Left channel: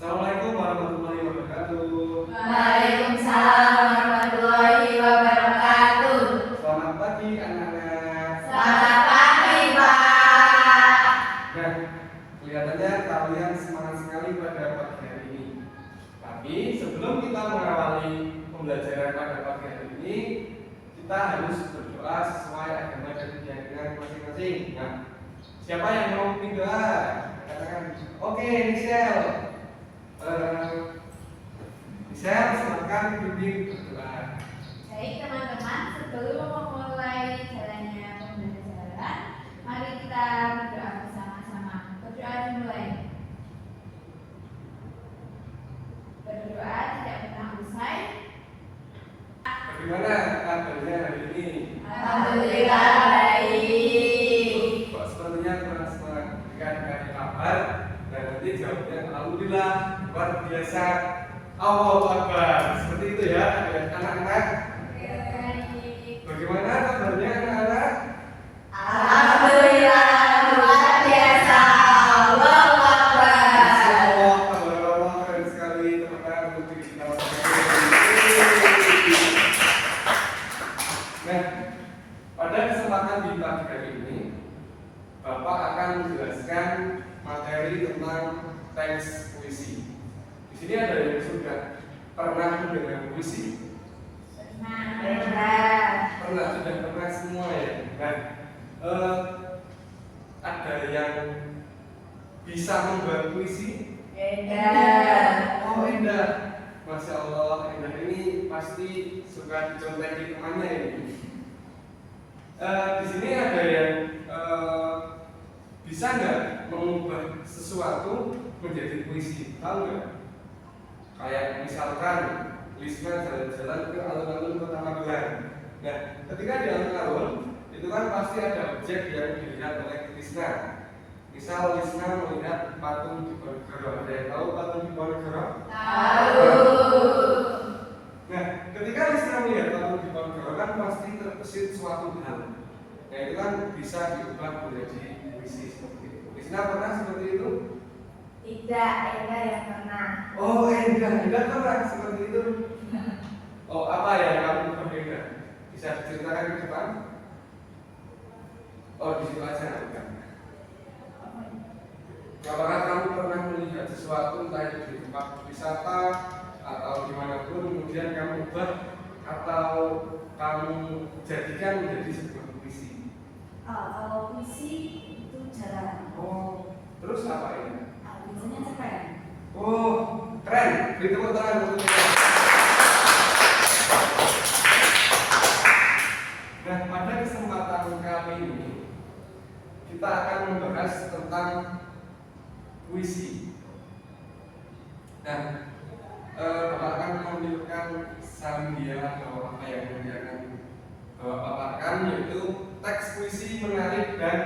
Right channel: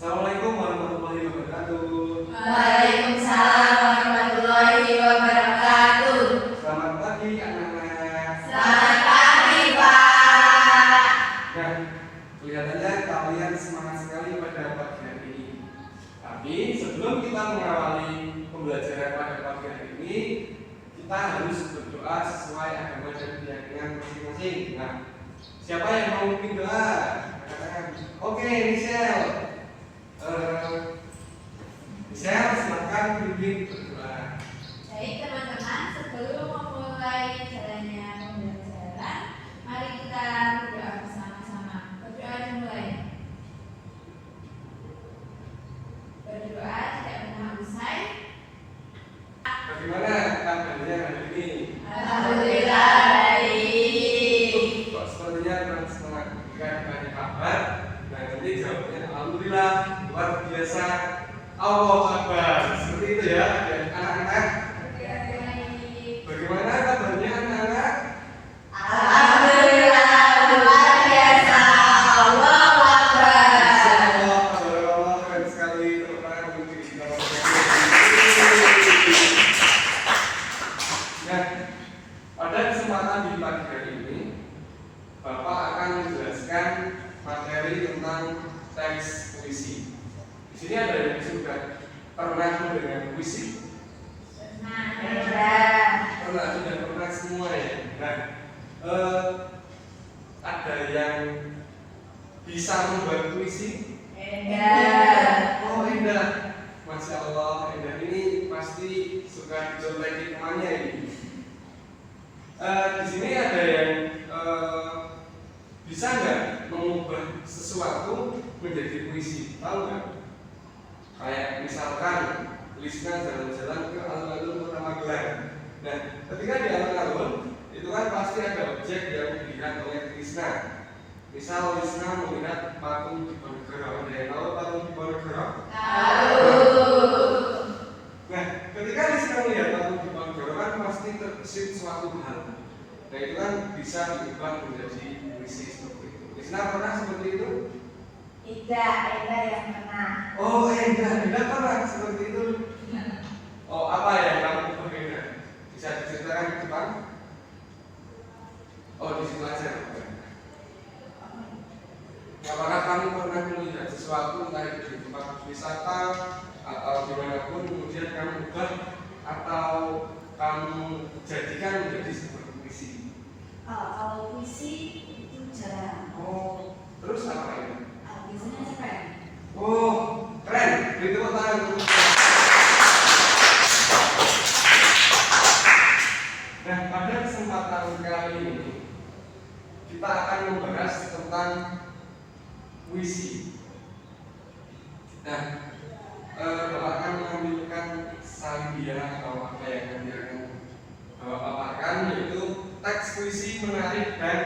Assalamualaikum warahmatullahi wabarakatuh. Waalaikumsalam warahmatullahi wabarakatuh. Selamat pagi anak-anak. Selamat pagi, Pak. Nah, kelihatannya kalian semangat sekali pada pagi hari ini. Tapi sebelum kita mengawali pembelajaran pada pagi hari ini, kita harus berdoa sesuai agama dan keyakinan masing-masing. Nah, siapa yang mau bikin doa? Oke, Michelle. Michelle, silakan bimbing berdoa. Baik teman-teman, sebelum memulai jalannya pembelajaran, mari kita berdoa bersama-sama. Berdoa dimulai. Berdoa tidak pernah usai. Bagaimana kabarnya hari ini? Alhamdulillah baik. Kok sepertinya kurang semangat? Kan banyak kabar. Dan nanti jawabnya alhamdulillah luar biasa. Allahu Akbar. Seperti itu ya, anak-anak. Bagaimana kabarnya anak-anak? Alhamdulillah luar biasa. Allahu Akbar. Insyaallah, Allah keren sekali. Teman-teman untuk kita. Nah, pada kesempatan di pagi hari ini, Bapak akan menjelaskan materi tentang teks puisi. Di sini ada yang sudah pernah mendengar puisi? Pernah, sudah pernah semua ya. Nah, ada yang bisa membuat puisi? Oh, Indah. Masya Allah, Indah ini pasti suka dicontekin temannya ini. Di sini ada yang bisa nggak mengubah sesuatu menjadi puisi? Tahu nggak? Kayak misalkan Lisna jalan-jalan ke alun-alun Kota Magelang. Nah, ketika di alun-alun itu kan pasti ada objek yang dilihat oleh Lisna. Misal Lisna melihat patung Diponegoro. Ada yang tahu patung Diponegoro? Tahu. Nah, ketika Lisna melihat patung Diponegoro kan pasti terbesit suatu hal. Nah, itu kan bisa diubah menjadi puisi seperti itu. Lisna pernah seperti itu? Tidak, yang pernah. Oh, Endah pernah seperti itu. Oh, apa yang kamu berbeda? Bisa diceritakan di depan? Oh, di situ aja. Apakah kamu pernah melihat sesuatu entah itu di tempat wisata atau dimanapun kemudian kamu ubah atau kamu jadikan menjadi sebuah puisi? Kalau puisi itu jarang. Oh, terus apa ini? Biasanya cerpen. Oh, keren. Beri tepuk tangan untuk Nah, pada kesempatan kali ini kita akan membahas tentang puisi. Nah, Bapak akan menampilkan sambilan atau apa yang nanti akan Bapak paparkan, yaitu teks puisi menarik dan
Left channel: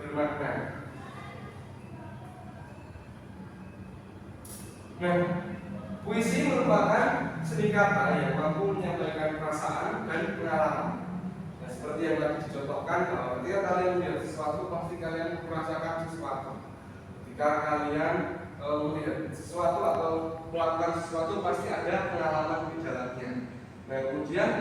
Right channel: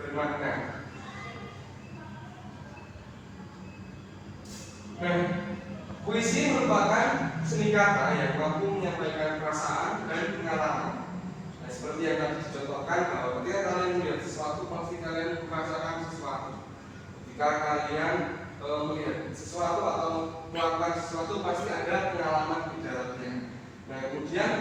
bermakna. Nah, puisi merupakan seni kata yang mampu menyampaikan perasaan dan pengalaman. Nah, seperti yang tadi dicontohkan bahwa ketika kalian melihat sesuatu pasti kalian merasakan sesuatu. Ketika kalian melihat sesuatu atau melakukan sesuatu pasti ada pengalaman di dalamnya. Nah, kemudian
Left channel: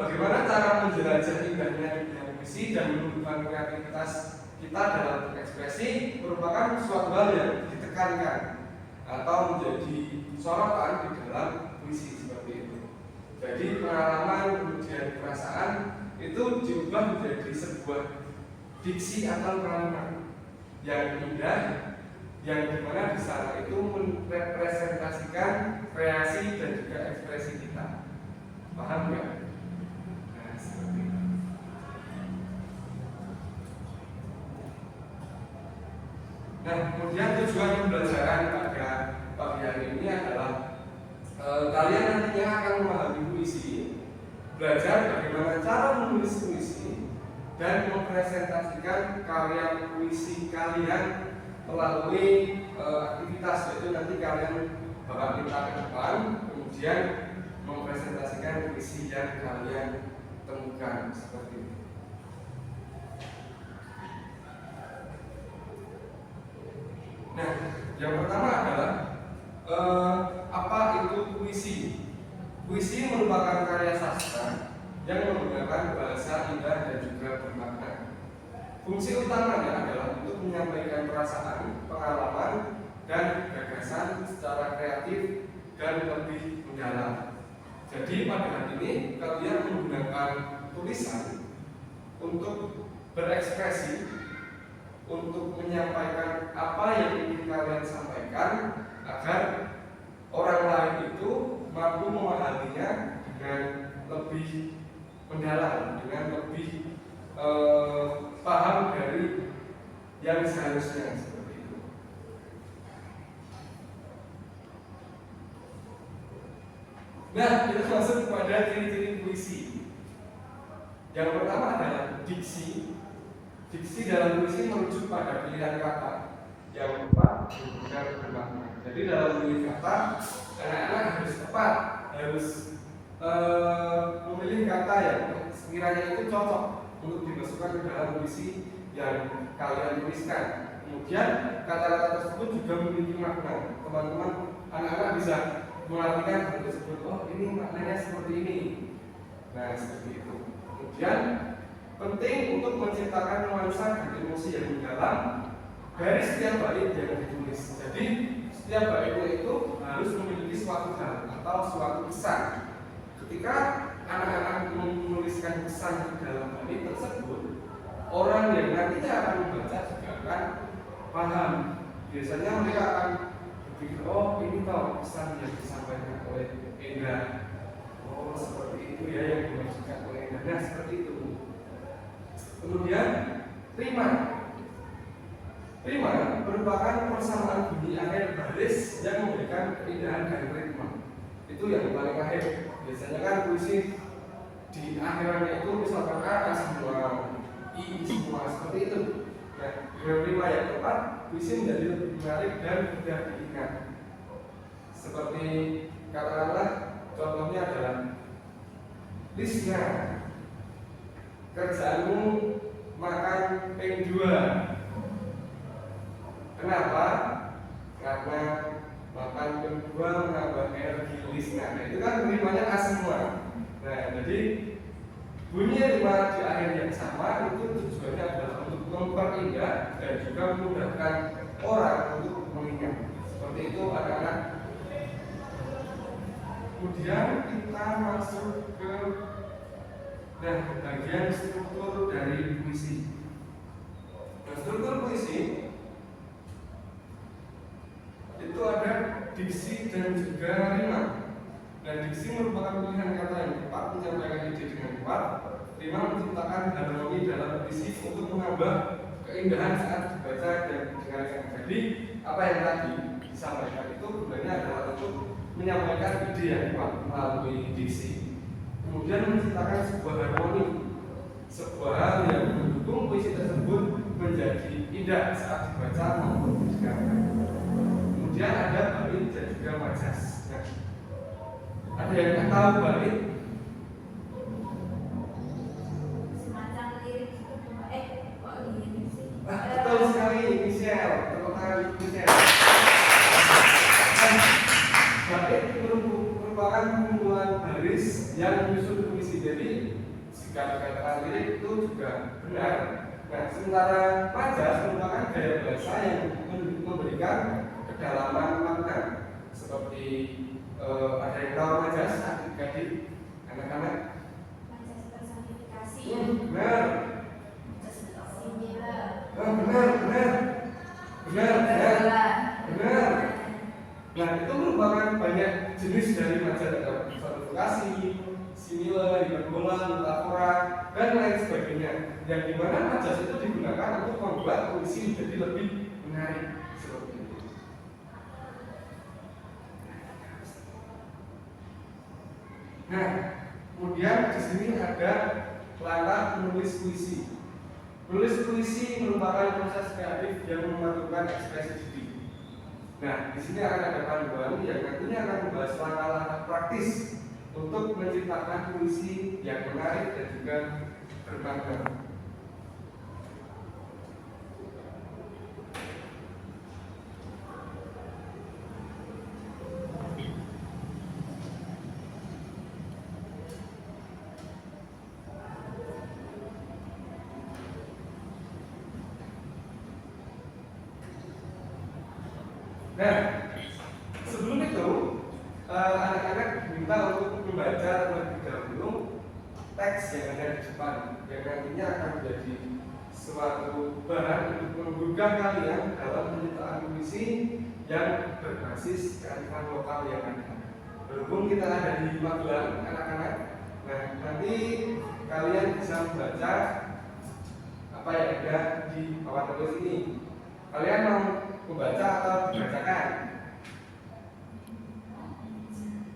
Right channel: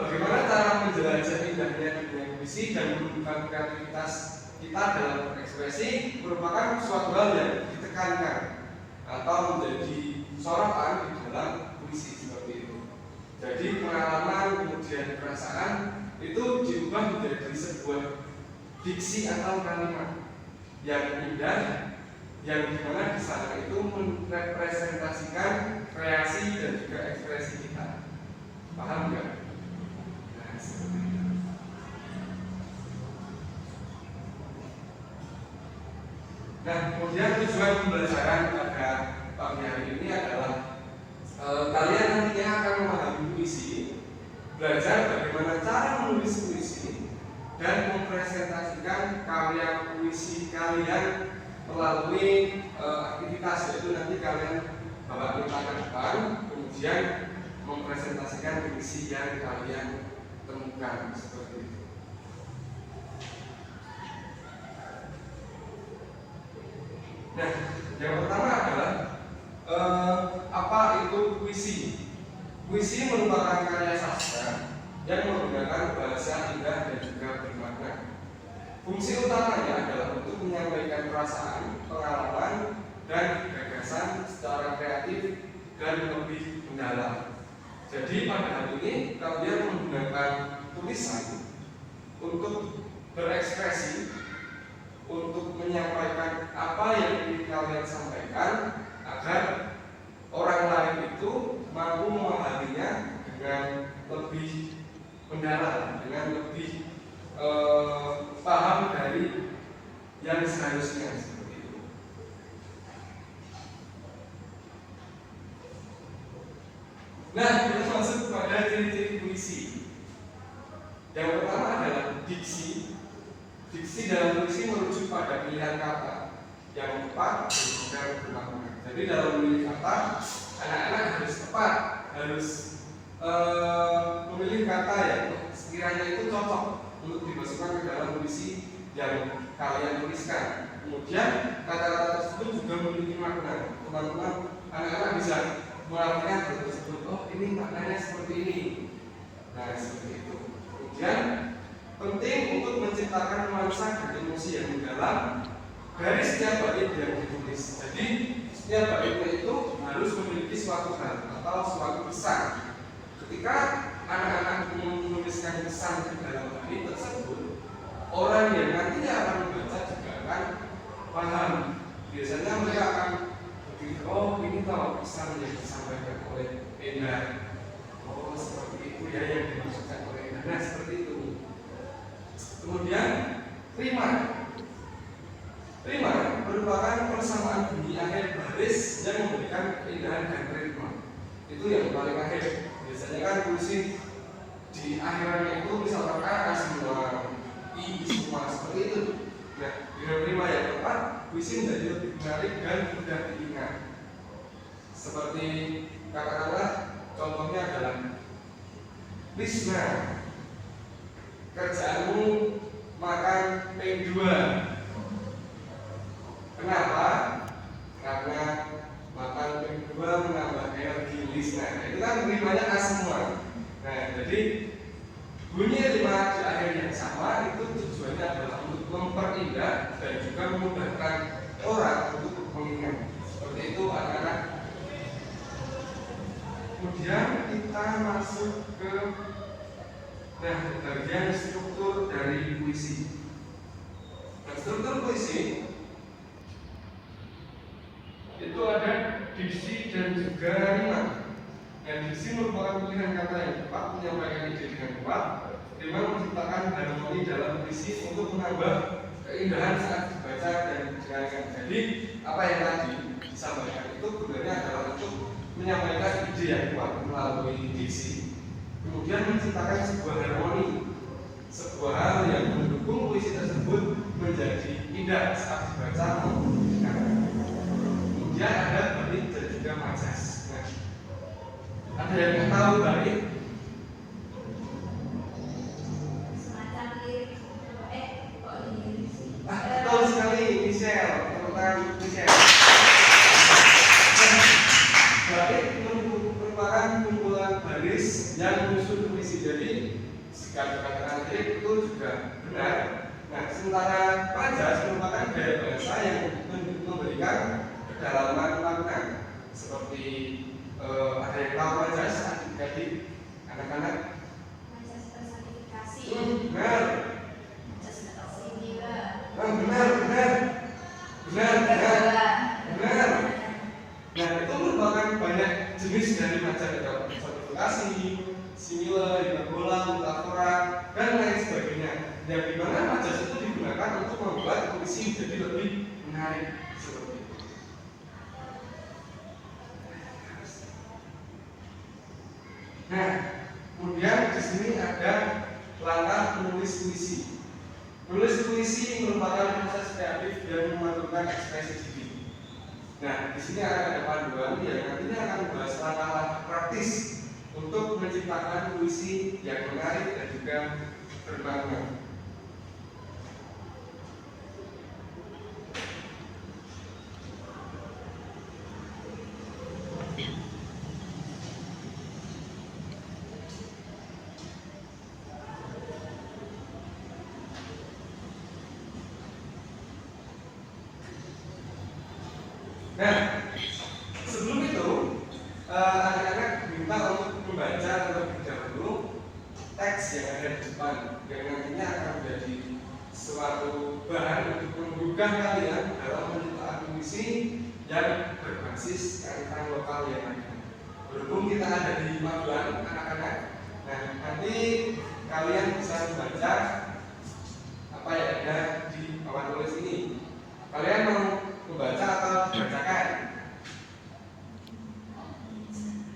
bagaimana cara menjelajah indahnya dunia puisi dan menumbuhkan kreativitas kita dalam berekspresi merupakan suatu hal yang ditekankan atau menjadi sorotan di dalam puisi seperti itu. Jadi pengalaman kemudian perasaan itu diubah menjadi sebuah diksi atau kalimat yang indah, yang dimana di sana itu merepresentasikan kreasi dan juga ekspresi kita. Paham nggak? Nah, seperti itu. Nah, kemudian tujuan pembelajaran pada pagi hari ini adalah kalian nantinya akan memahami puisi, belajar bagaimana cara menulis puisi, dan mempresentasikan karya puisi kalian melalui aktivitas, yaitu nanti kalian bakal minta ke depan, kemudian mempresentasikan puisi yang kalian temukan seperti itu. Nah, yang pertama adalah apa itu puisi? Puisi merupakan karya sastra yang menggunakan bahasa indah dan juga bermakna. Fungsi utamanya adalah untuk menyampaikan perasaan, pengalaman, dan gagasan secara kreatif dan lebih mendalam. Jadi pada hal ini kalian menggunakan tulisan untuk berekspresi, untuk menyampaikan apa yang ingin kalian sampaikan agar orang lain itu mampu memahaminya dengan lebih mendalam, dengan lebih paham dari yang seharusnya, seperti itu. Nah, kita masuk pada ciri-ciri puisi. Yang pertama adalah diksi. Diksi dalam puisi merujuk pada pilihan kata yang tepat dan bermakna. Jadi dalam memilih kata, anak-anak harus tepat, harus memilih kata yang sekiranya itu cocok untuk dimasukkan ke dalam puisi yang kalian tuliskan. Kemudian kata-kata tersebut juga memiliki makna. Teman-teman, anak-anak bisa mengartikan hal tersebut. Oh, ini maknanya seperti ini. Nah, seperti itu. Kemudian penting untuk menciptakan nuansa dan emosi yang mendalam dari setiap bait yang ditulis. Jadi setiap baitnya itu harus memiliki suatu hal atau suatu pesan. Ketika anak-anak menuliskan pesan ke dalam bait tersebut, orang yang nantinya akan membaca juga akan paham. Biasanya mereka akan berpikir, oh ini tahu pesan yang disampaikan oleh Enda. Oh seperti itu ya yang dimaksudkan oleh Enda. Nah seperti itu. Kemudian rima. Rima merupakan persamaan bunyi akhir baris yang memberikan keindahan dan ritme. Itu yang paling akhir. Biasanya kan puisi di akhirannya itu misalkan kata semua, i semua, seperti itu. Nah, dengan rima yang tepat, puisi menjadi lebih menarik dan mudah diingat. Seperti katakanlah contohnya adalah Lisna, kerjaanmu makan peng 2. Kenapa? Karena makan peng 2 menambah energi Lisna. Nah, itu kan rimanya A semua. Nah, jadi bunyi rima di akhir yang sama itu tujuannya adalah untuk memperindah dan juga memudahkan orang untuk mengingat. Seperti itu anak-anak. Kemudian kita masuk ke bagian struktur dari puisi. Nah, struktur puisi itu ada diksi dan juga rima. Nah, diksi merupakan pilihan kata yang tepat menyampaikan ide dengan kuat. Rima menciptakan harmoni dalam puisi untuk menambah keindahan saat dibaca dan didengarkan. Jadi apa yang tadi disampaikan itu gunanya adalah untuk menyampaikan ide yang kuat melalui diksi. Kemudian menciptakan sebuah harmoni, sebuah hal yang mendukung puisi tersebut menjadi indah saat dibaca maupun didengarkan. Kemudian ada bait dan juga majas. Nah, ada yang tahu bait? Semacam lirik. Kok lirik sih? Betul sekali, Michelle. Tepuk tangan Michelle. Bait merupakan kumpulan baris yang menyusun puisi. Jadi jika dikatakan lirik itu juga benar. Nah, sementara majas merupakan gaya bahasa yang memberikan kedalaman makna. Seperti ada yang tahu majas adik-adik anak-anak? Majas personifikasi. Benar. Majas similar. Benar. Nah, itu merupakan banyak jenis dari majas, ada personifikasi, simile, hiperbola, metafora, dan lain sebagainya. Yang dimana majas itu digunakan untuk membuat puisi jadi lebih menarik. Seperti itu. Nah, kemudian di sini ada langkah menulis puisi. Menulis puisi merupakan proses kreatif yang memerlukan ekspresi diri. Nah, di sini akan ada panduan yang nantinya akan membahas langkah-langkah praktis untuk menciptakan puisi yang menarik dan juga bermakna. Nah, sebelum itu anak-anak diminta untuk membaca terlebih dahulu teks yang ada di depan, yang nantinya akan menjadi suatu bahan untuk menggugah kalian dalam penciptaan puisi yang berbasis kearifan lokal yang ada. Berhubung kita ada di Magelang, anak-anak, nah nanti kalian bisa membaca apa yang ada di papan tulis ini. Kalian mau membaca atau dibacakan?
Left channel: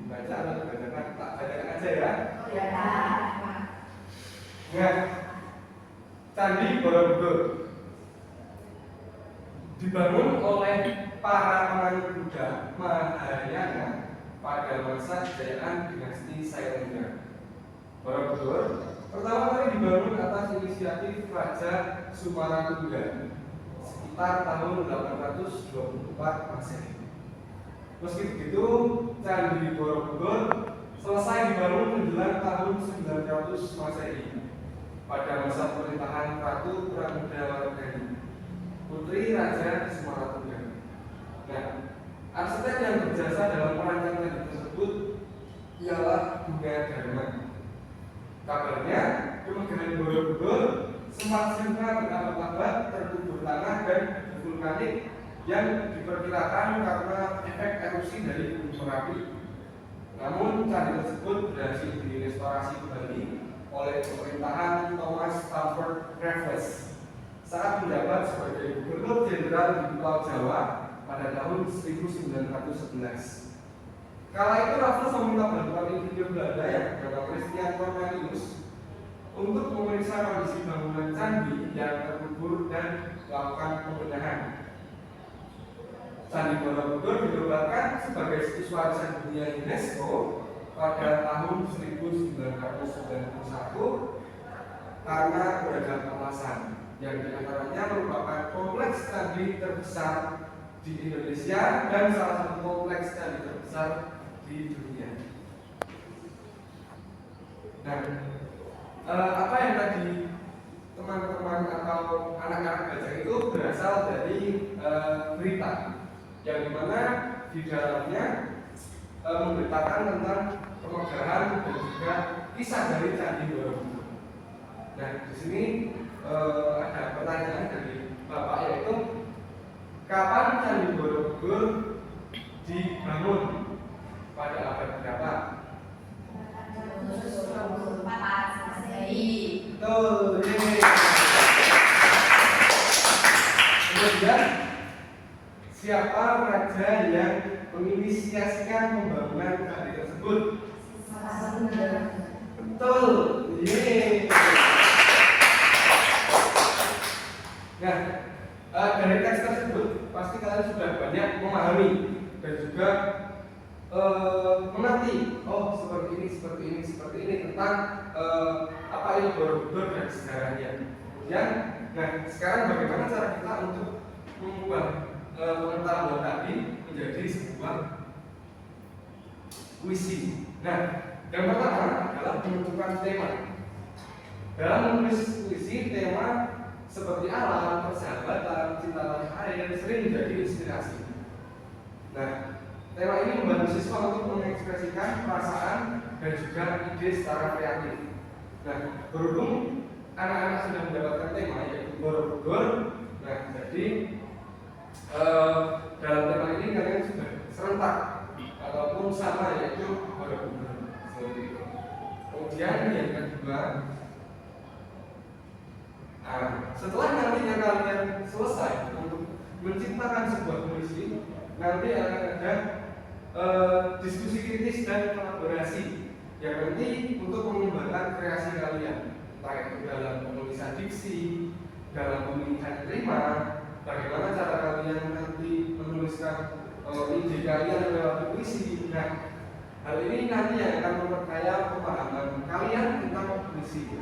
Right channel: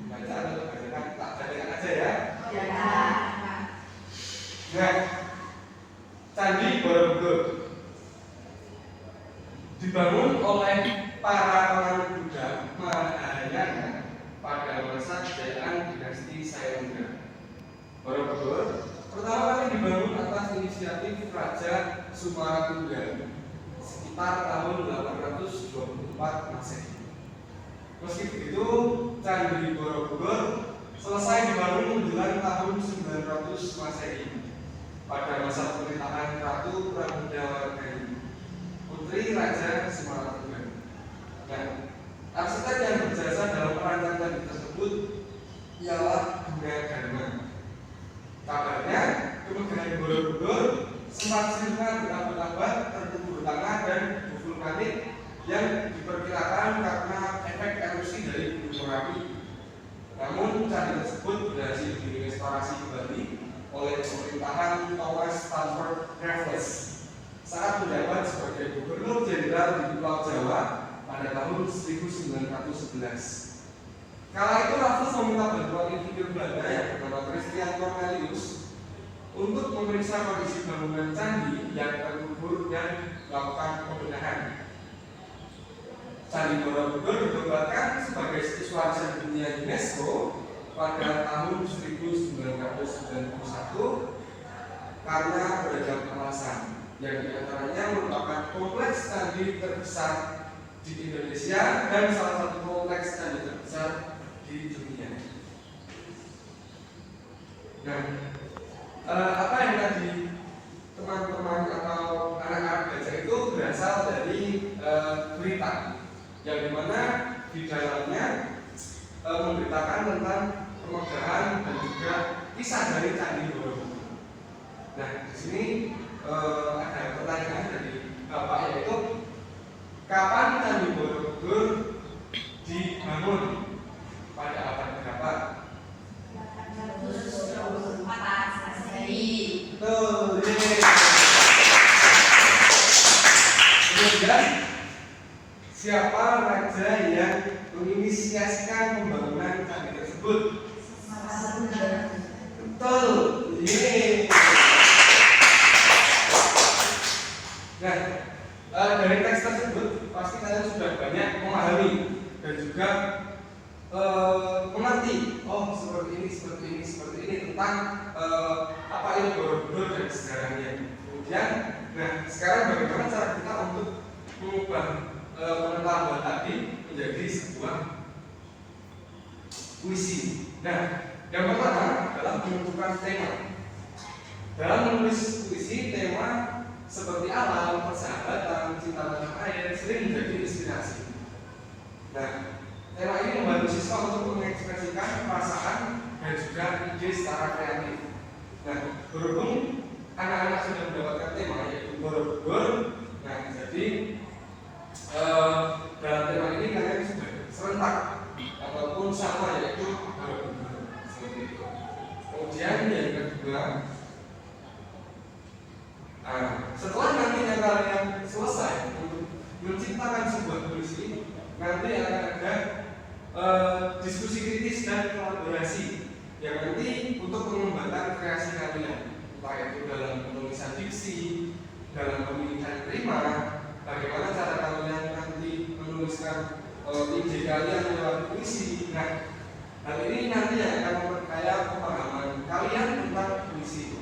Baca atau dibacakan? Tak bacakan aja ya. Nah, Candi Borobudur dibangun oleh para penganut Buddha Mahayana pada masa kejayaan dinasti Sailendra. Borobudur pertama kali dibangun atas inisiatif Raja Sumaratungga sekitar tahun 824 Masehi. Meski begitu, Candi Borobudur selesai dibangun menjelang tahun 900 Masehi pada masa pemerintahan Ratu Pramodawardhani, putri Raja Sumaratungga. Nah, arsitek yang berjasa dalam perancang candi tersebut ialah Bunga Dharma. Kabarnya, kemegahan Borobudur sempat sirna berabad-abad terkubur tanah dan vulkanik yang diperkirakan karena efek erupsi dari Gunung Merapi. Namun, candi tersebut berhasil direstorasi kembali oleh pemerintahan Thomas Stamford Raffles saat menjabat sebagai Gubernur Jenderal di Pulau Jawa pada tahun 1911. Kala itu Raffles meminta bantuan insinyur Belanda yang bernama Christian Cornelius untuk memeriksa kondisi bangunan candi yang terkubur dan melakukan pembenahan. Candi Borobudur dinobatkan sebagai situs warisan dunia UNESCO pada tahun 1991 karena beragam alasan, yang diantaranya merupakan kompleks candi terbesar di Indonesia dan salah satu kompleks candi terbesar di dunia. Nah, apa yang tadi teman-teman atau anak-anak baca itu berasal dari berita yang dimana di dalamnya memberitakan tentang pemegahan dan juga kisah dari Candi Borobudur. Nah, di sini ada pertanyaan dari Bapak, yaitu kapan Candi Borobudur dibangun? Pada abad berapa? 824 Masehi. Betul. Kemudian siapa raja yang menginisiasikan pembangunan candi tersebut? Betul. Yeay. Nah, dari teks tersebut pasti kalian sudah banyak memahami dan juga mengerti. Oh, seperti ini tentang apa itu Borobudur dan sejarahnya. Kemudian, nah sekarang bagaimana cara kita untuk mengubah pengetahuan tadi menjadi sebuah puisi. Nah, yang pertama adalah menentukan tema. Dalam menulis puisi, tema seperti alam, persahabatan, cinta tanah air sering menjadi inspirasi. Nah, tema ini membantu siswa untuk mengekspresikan perasaan dan juga ide secara kreatif. Nah, berhubung anak-anak sudah mendapatkan tema yaitu Borobudur, nah jadi dalam tema ini kalian sudah serentak ataupun sama, yaitu Borobudur seperti itu. Kemudian yang kedua, setelah nantinya kalian selesai untuk menciptakan sebuah puisi, nanti akan ada diskusi kritis dan kolaborasi yang nanti untuk mengembangkan kreasi kalian, entah itu dalam penulisan diksi, dalam pemilihan rima, bagaimana cara kalian nanti menuliskan ide kalian lewat puisi. Nah, hal ini nanti yang akan memperkaya pemahaman kalian tentang puisi.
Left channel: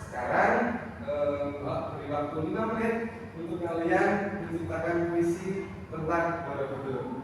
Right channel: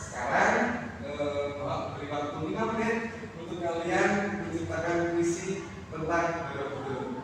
Sekarang beri waktu 5 menit untuk kalian menciptakan puisi tentang Borobudur.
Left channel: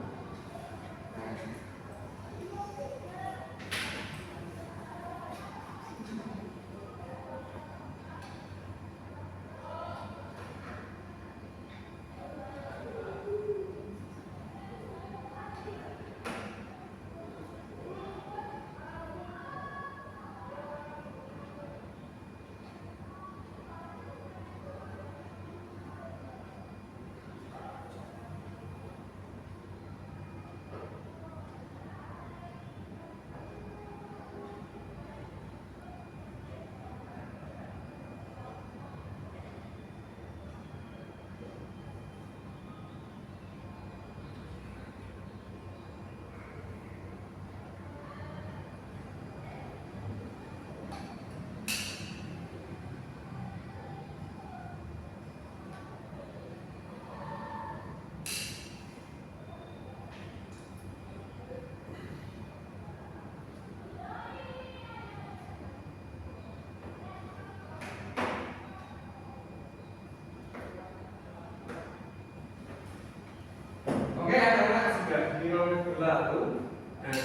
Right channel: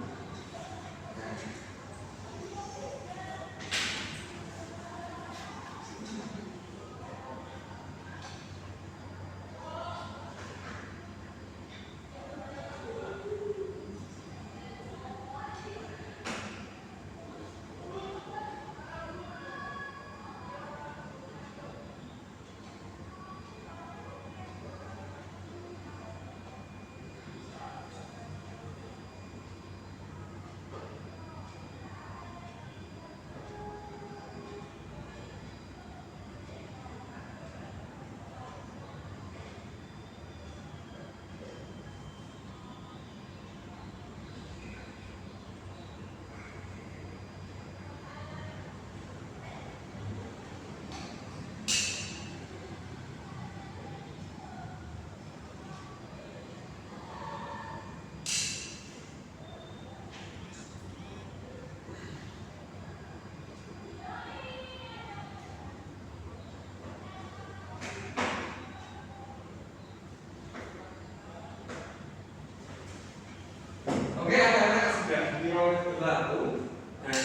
menit berlalu dan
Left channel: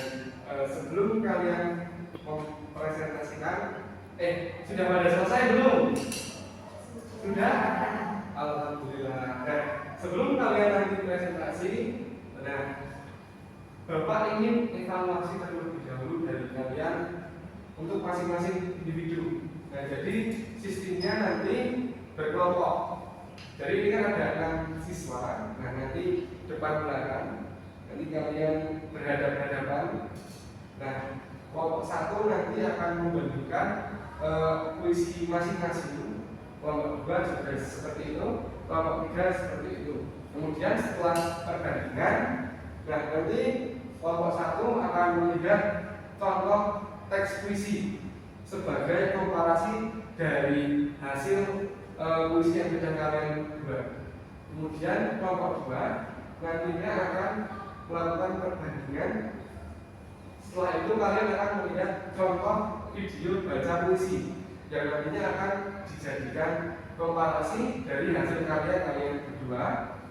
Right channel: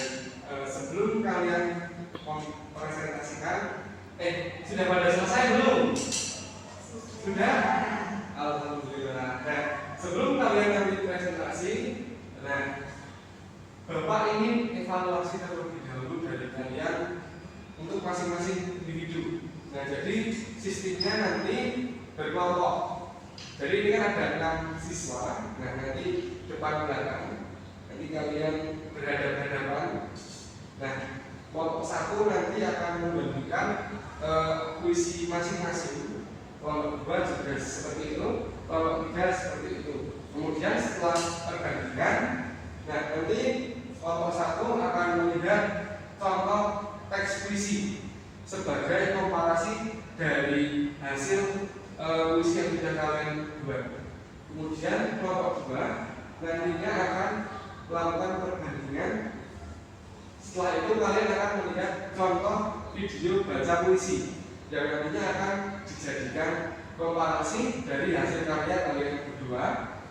sebelum kalian mempresentasikan, sudah pada selesai belum? Sudah? Alhamdulillah. Nah, sebelum kalian nanti presentasi, nah, Bapak ingin evaluasi terlebih dahulu dari kalian untuk masing-masing individu. Nah, jadi sistemnya nanti berkelompok. Jadi ini kan ada 6 siswa. Nah, nanti depan belakang, nanti kalian berhadapan-hadapan. Nah, kelompok 1 nanti akan membandingkan puisi masing-masing. Kelompok 2 juga seperti itu, kelompok 3 seperti itu. Kemudian setelah perbandingan, nah nanti kelompok 1 akan melihat contoh teks puisi sebagai komparasi dari hasil puisi yang sudah kalian buat. Kemudian kelompok 2 nantinya akan melakukan perbandingan. Setelah itu kalian akan melihat contoh video baca puisi yang nantinya akan dijadikan komparasi dari hasil karya kalian berdua.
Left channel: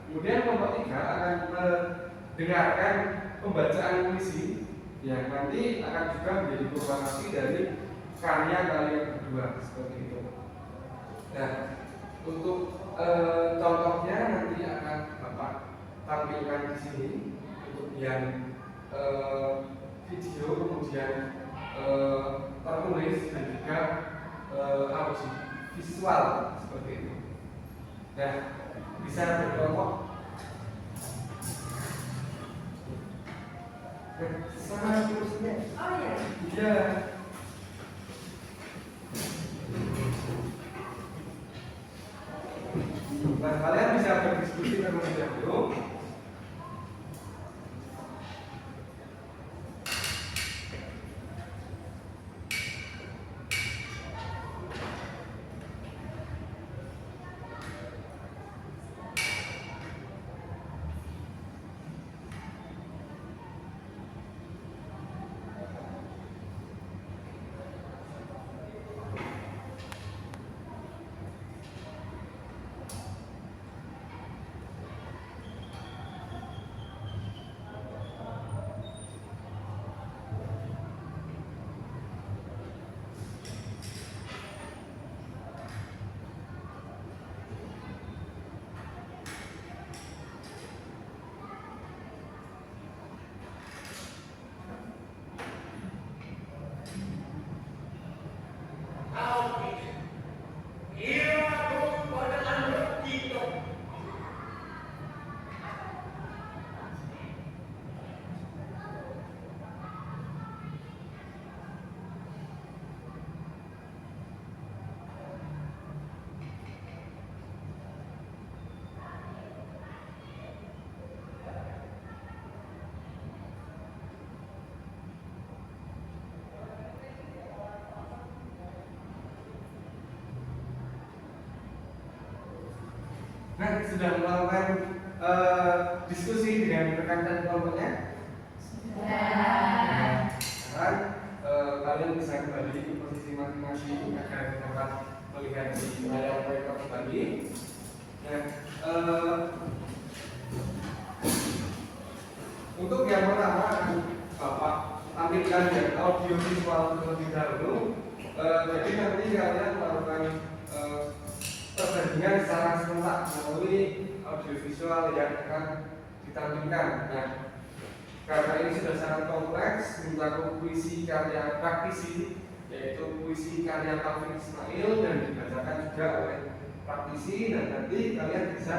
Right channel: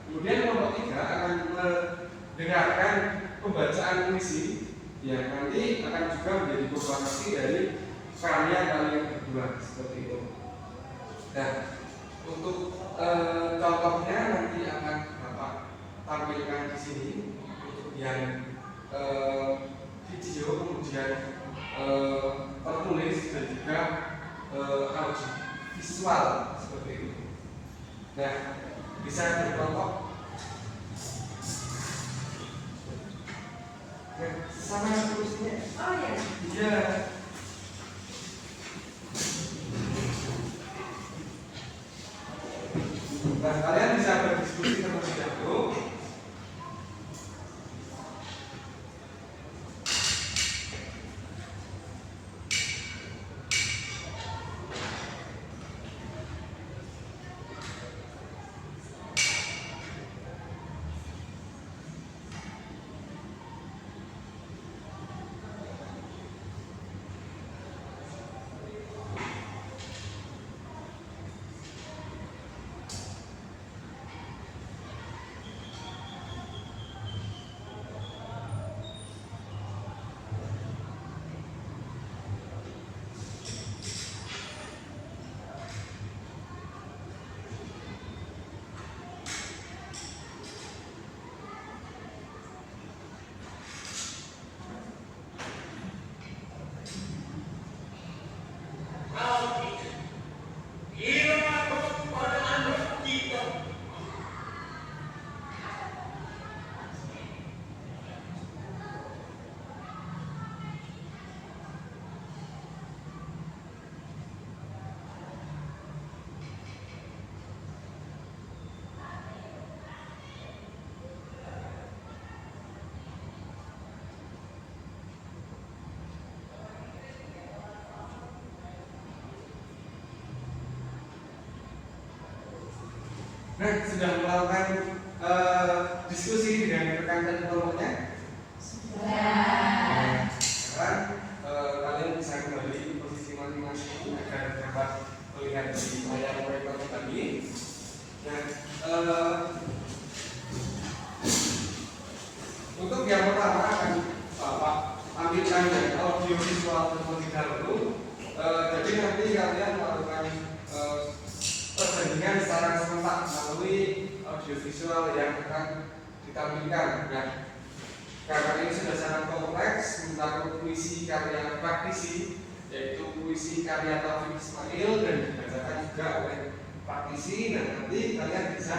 Kemudian kelompok 3 akan mendengarkan pembacaan puisi yang nanti akan juga menjadi komparasi dari karya kalian berdua seperti itu. Nah, untuk contohnya nanti akan Bapak tampilkan di sini untuk yang video, kemudian tertulis dan juga audio visual seperti itu. Nah, bisa berkelompok. Nah, sama kursinya. Oh ya. Iya. Nah, kalian bisa berdiskusi terlebih dahulu. Nah, sudah melakukan diskusi dengan rekan dan kelompoknya? Sudah. Sekarang kalian bisa kembali ke posisi masing-masing agar dapat melihat di layar proyektor tadi. Nah, untuk yang pertama akan Bapak ambilkan dari audio visual terlebih dahulu. Jadi nanti kalian melakukan perbandingan secara serentak melalui audiovisual yang akan ditampilkan. Nah, karena ini sudah sangat kompleks, mencakup puisi karya praktisi, yaitu puisi karya Taufik Ismail dan dibacakan juga oleh praktisi, dan nanti kalian bisa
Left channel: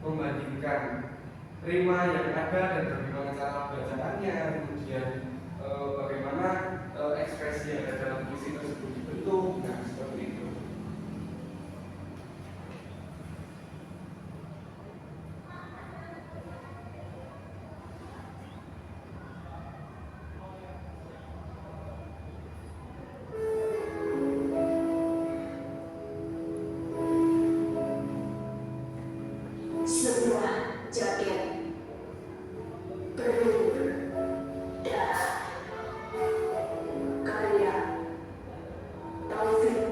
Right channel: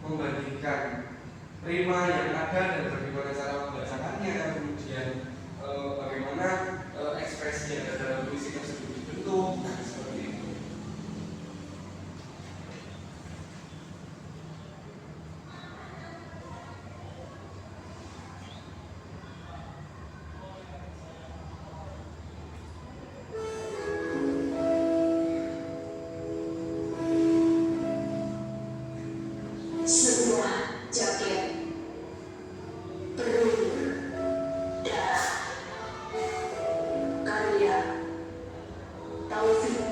membandingkan rima yang ada dan bagaimana cara membacakannya, kemudian bagaimana ekspresi yang ada dalam puisi tersebut dibentuk, nah, seperti itu. Sebuah jaket berumur darah karya Taufik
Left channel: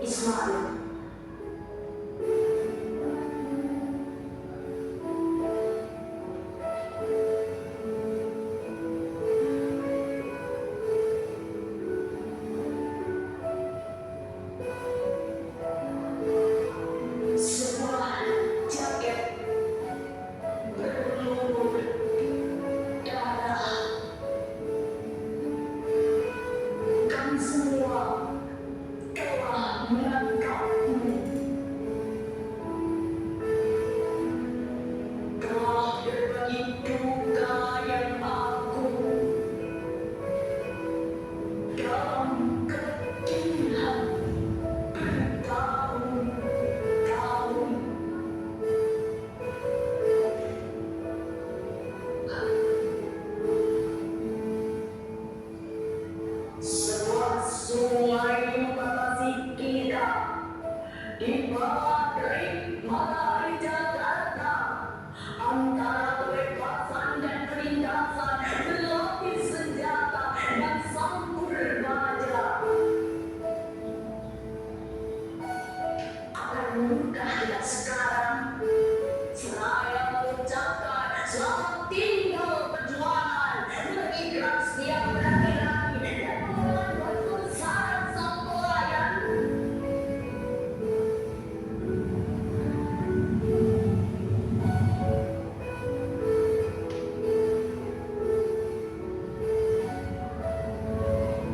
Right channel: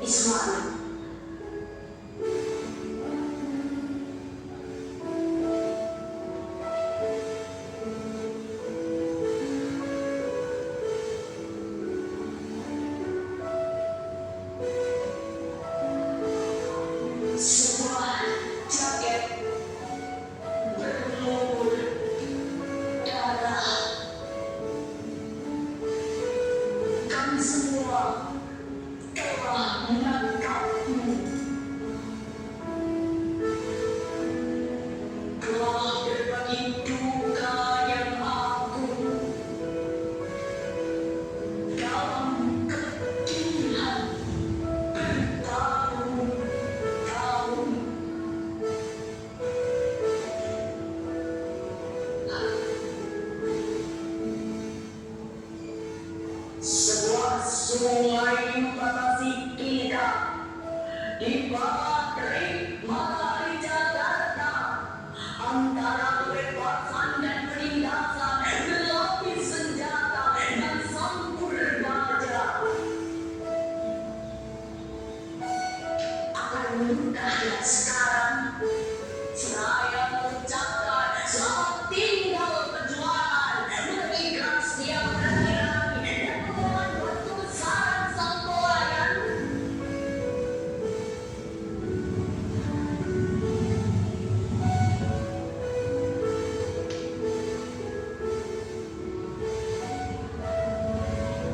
Ismail. di bawah terik matahari Jakarta, antara kebebasan dan penindasan, berlapis senjata dan sampur baja. Akan mudahlah sekarang saya mengucapkan selamat tinggal perjuangan, mengikat setiap laki-laki dan memohon kebesaran sang pelayan.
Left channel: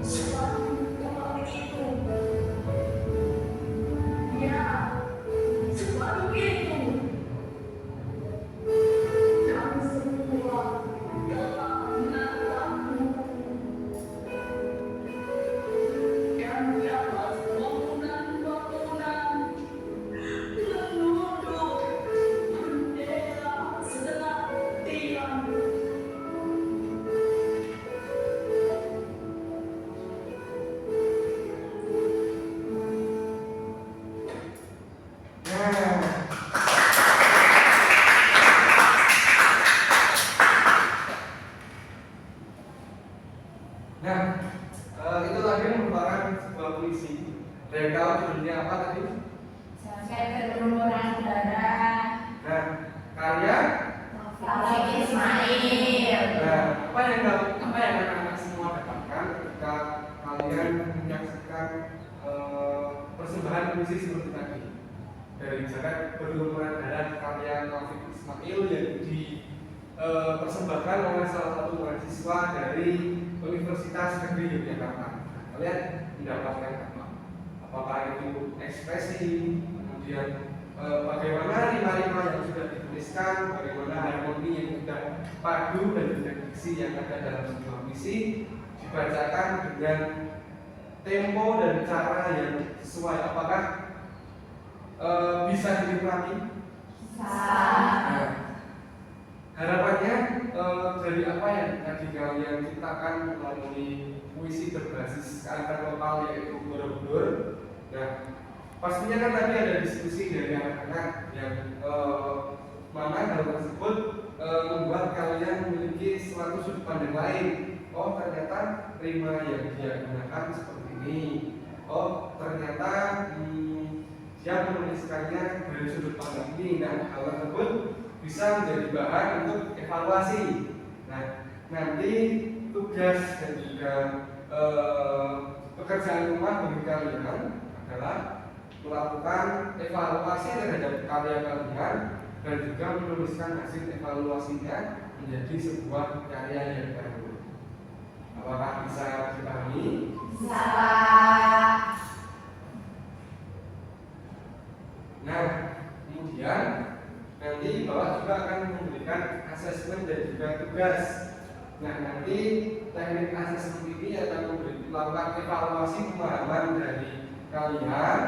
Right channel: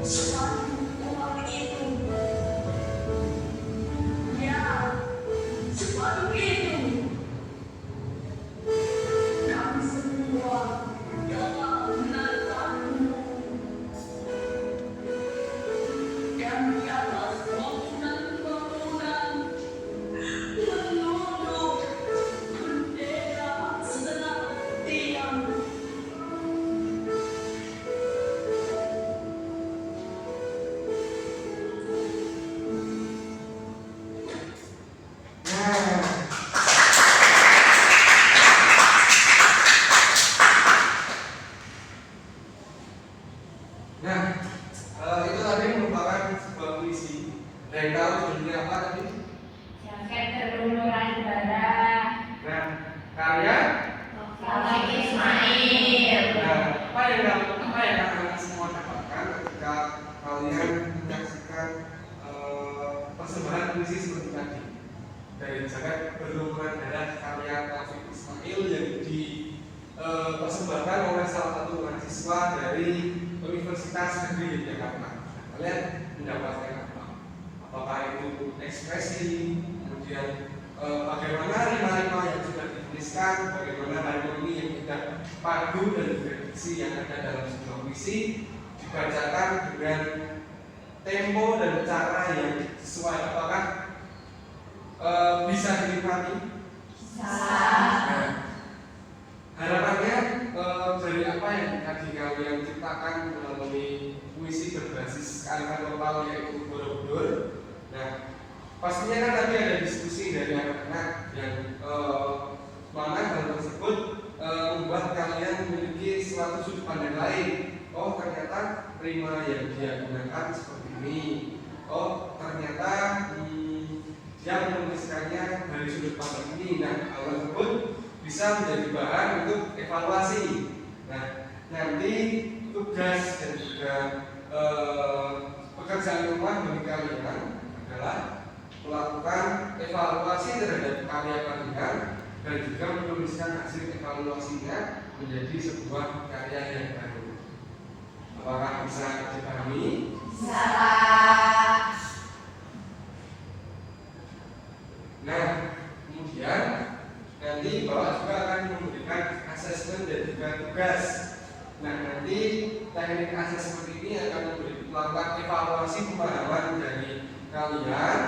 Sepatu uang itu, ya, sepatu itu, kami semua telah menatapmu. Dan di atas bangunan-bangunan menunduk bendera setengah tiang. Itu tadi merupakan sebuah puisi. Dari tahu judulnya apa tadi? Jaket berlumuran darah. Nah, karya. Taufik Ismail. Nah, apa yang anak-anak semua dapatkan ketika kalian menyaksikan persembahan puisi seperti tadi? Dari Jaket Berlumuran Darah karya Taufik Ismail yang dipersembahkan oleh salah satu mahasiswa dari Universitas Negeri Yogyakarta. Kalian mendapatkan apa? Apakah itu ekspresi, kemudian bagaimana rima-rima yang sudah dituliskan, bagaimana harmoni yang sudah padu dan juga diksi yang ada dalam sebuah puisi dibacakan dengan tempo dan cara yang sesuai. Apakah bisa dinikmati? Nah, harapannya dari apa yang tadi kalian ciptakan melalui puisi berbasis kearifan lokal yaitu Borobudur. Nah, pastinya kan tadi ada diskusi dari anak-anak yang mana hal tersebut membuat kalian memiliki suatu sudut pandang lain. Oh, ternyata rima yang dia gunakan seperti ini. Oh, ternyata dia menuliskannya dari sudut pandang ini. Nah, hal tersebut bisa menjadi bahan untuk evaluasi. Nah, nanti tugas dan juga pekerjaan rumah bagi kalian adalah melakukan evaluasi terhadap karya kalian dan juga menuliskan hasil evaluasinya menjadi sebuah karya yang baru. Apakah bisa dipahami? Bisa. Nah, kemudian nanti Bapak juga akan memberikan asesmen dan juga tugas. Nah, nanti teknik asesmen ini akan melakukan evaluasi pemahaman dari kalian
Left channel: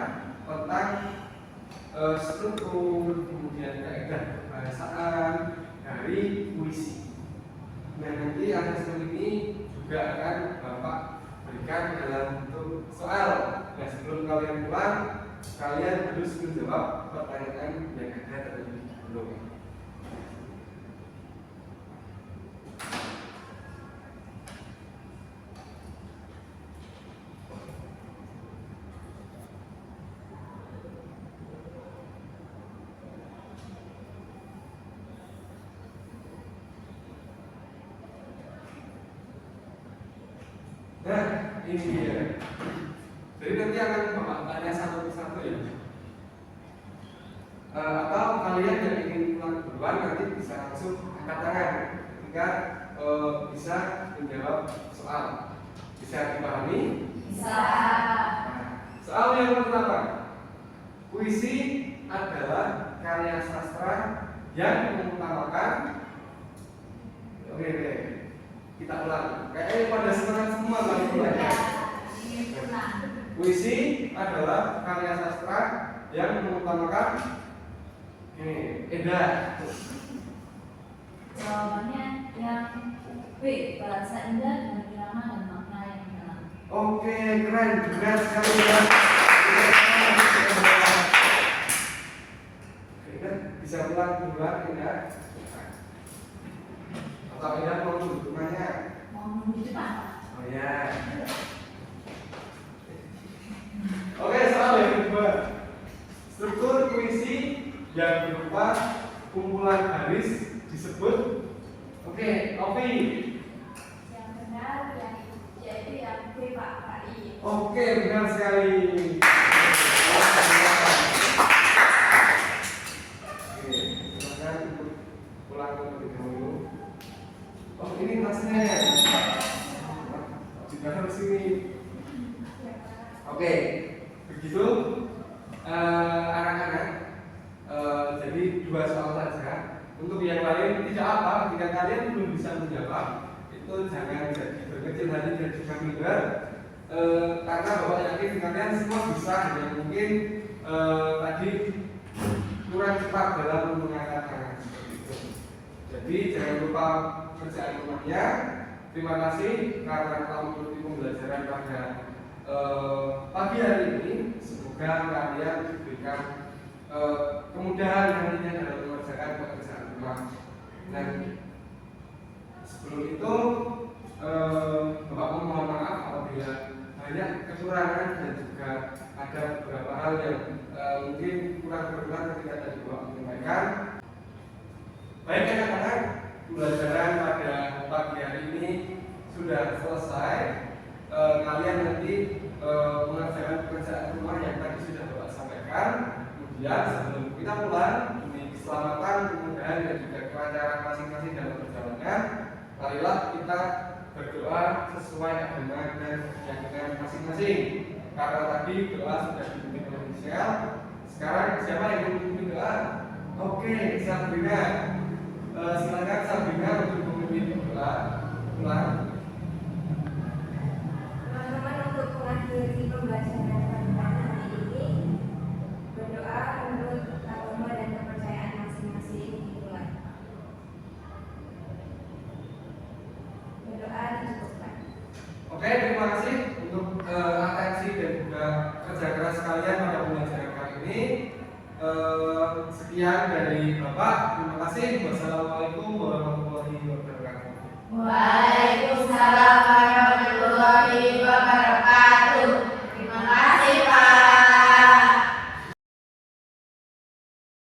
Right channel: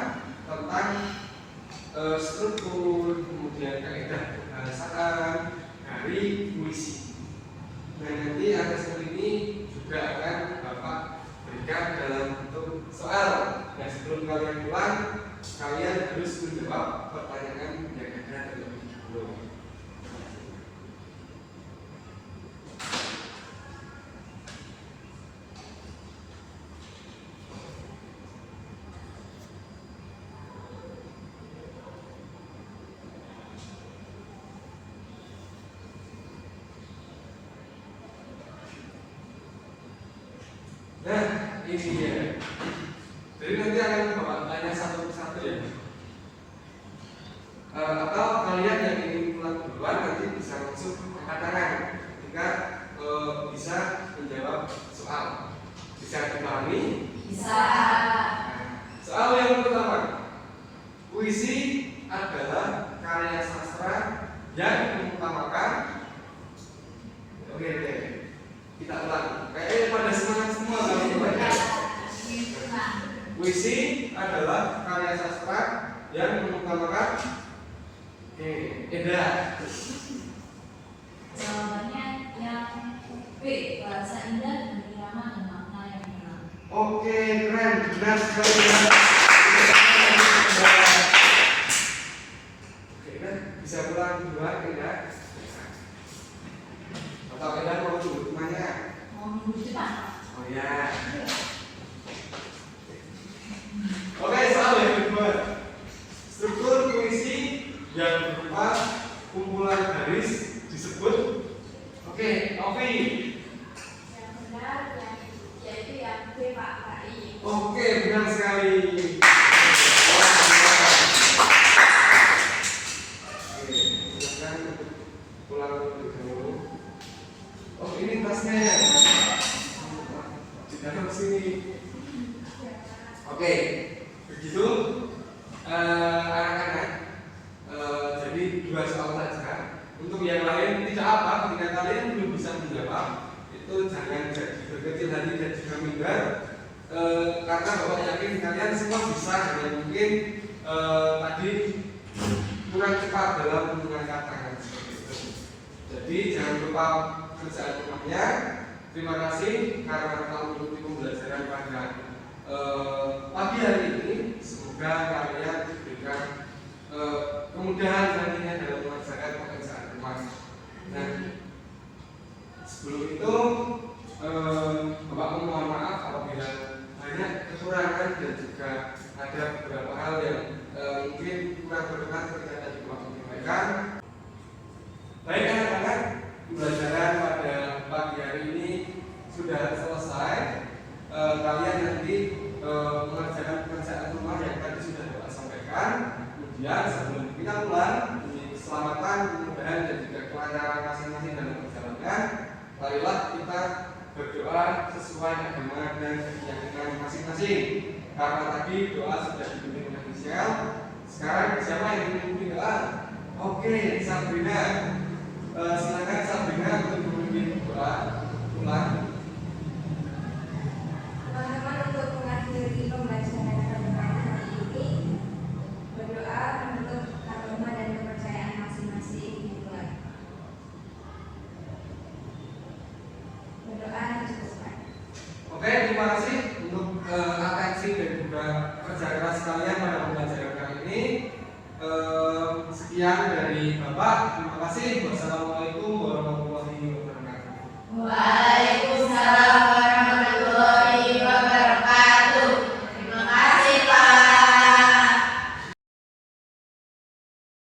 tentang struktur, kemudian kaidah bahasaan dari puisi. Nah, nanti asesmen ini juga akan Bapak berikan dalam bentuk soal. Nah, sebelum kalian pulang, kalian harus menjawab pertanyaan yang ada terlebih dahulu. Nah, ini dia. Jadi nanti akan Bapak tanya satu persatu ya. Atau kalian yang ingin pulang duluan nanti bisa langsung angkat tangan ketika bisa menjawab soal. Bisa dipahami? Bisa. Soal yang pertama, puisi adalah karya sastra yang mengutamakan. Oke, kita ulang. Kayaknya pada semangat semua kami mulai. Puisi adalah karya sastra yang mengutamakan edah. Jawabannya yang B, bahasa indah dan irama dan makna yang dalam. Oke, keren, benar sekali. Ya. Oke, soal yang kedua. Struktur puisi yang berupa kumpulan baris disebut. Oke, Ovi. Yang benar yaitu yang B, Pak KI. Oke, benar sekali. Oke, silakan ikut pulang terlebih dahulu. Oh, ini tasnya ya. Di dalam sini. Oke, begitu anak-anak. Jadi 2 soal saja. Untuk yang lain tidak apa. Ketika kalian belum bisa menjawab, itu jangan jadi berkecil hati dan juga minder. Karena Bapak yakin kalian semua bisa, hanya mungkin tadi kurang cepat dalam mengangkat tangan seperti itu. Jadi jangan lupa kerjaan rumahnya. Terima kasih karena telah mengikuti pembelajaran pada pagi hari ini. Semoga kalian diberikan kemudahan nantinya dalam mengerjakan pekerjaan rumah. Nah, sebelum itu Bapak mohon maaf apabila banyak kekurangan dan juga ada beberapa hal yang mungkin kurang berkenan ketika tadi Bapak menyampaikan. Baik anak-anak, pembelajaran pada pagi hari ini sudah selesai. Kalian nanti mengerjakan pekerjaan rumah yang tadi sudah Bapak sampaikan. Kemudian sebelum kita pulang, demi keselamatan, kemudahan dan juga kelancaran masing-masing dalam perjalanan, marilah kita berdoa sesuai agama dan keyakinan masing-masing. Karena tadi doa sudah dipimpin oleh Michelle, sekarang siapa yang memimpin doa? Oke, Sabrina. Silakan Sabrina untuk memimpin doa ulang. Teman-teman, untuk mengakhiri pembelajaran pada pagi hari ini, berdoa menurut agama dan kepercayaan masing-masing. Berdoa dicukupkan. Oke, terima kasih untuk atensi dan juga kerja keras kalian pada pembelajaran kali ini. Sekian dari Bapak. Terima kasih. Wassalamualaikum warahmatullahi wabarakatuh. Waalaikumsalam